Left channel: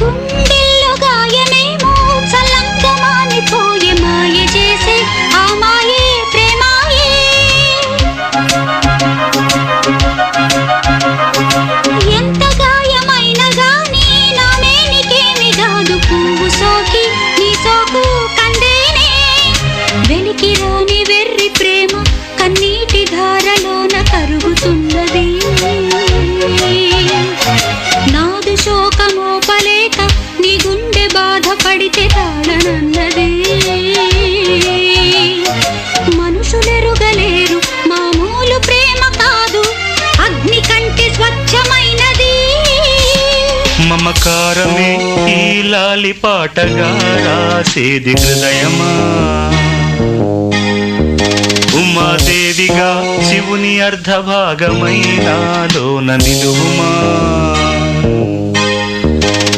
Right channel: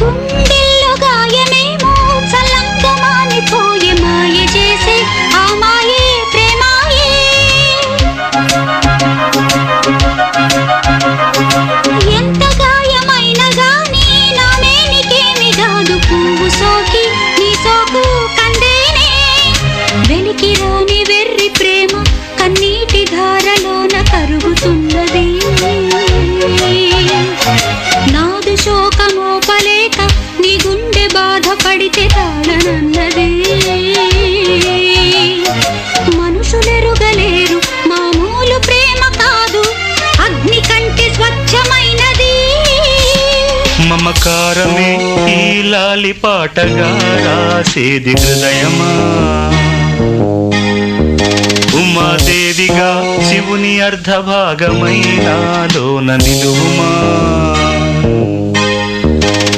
గుండెల్లో గాయమేమో చల్లంగా మానిపోయే మాయ చేసే ఆ మాయే ప్రేమాయే. ఎంత గాయమైన గానీ నా మేనికేమి కాదు పువ్వు సోకి నీ సోకు కందేనే. వెలికి రాని వెర్రి ప్రేమ కన్నీటి ధారలోన కరుగుతున్నది. నాదు శోకమోపలేక నీ గుండె బాధపడితే తాళనన్నది. మనుషులెరుగలేరు మామూలు ప్రేమ కాదు అగ్ని కంటే స్వచ్ఛమైనది. మమకారమే ఈ లాలి పాటగా రాసేది హృదయమా. ఉమాదేవిగా శివుని అర్ధభాగమైనాలోన నిలువుమా.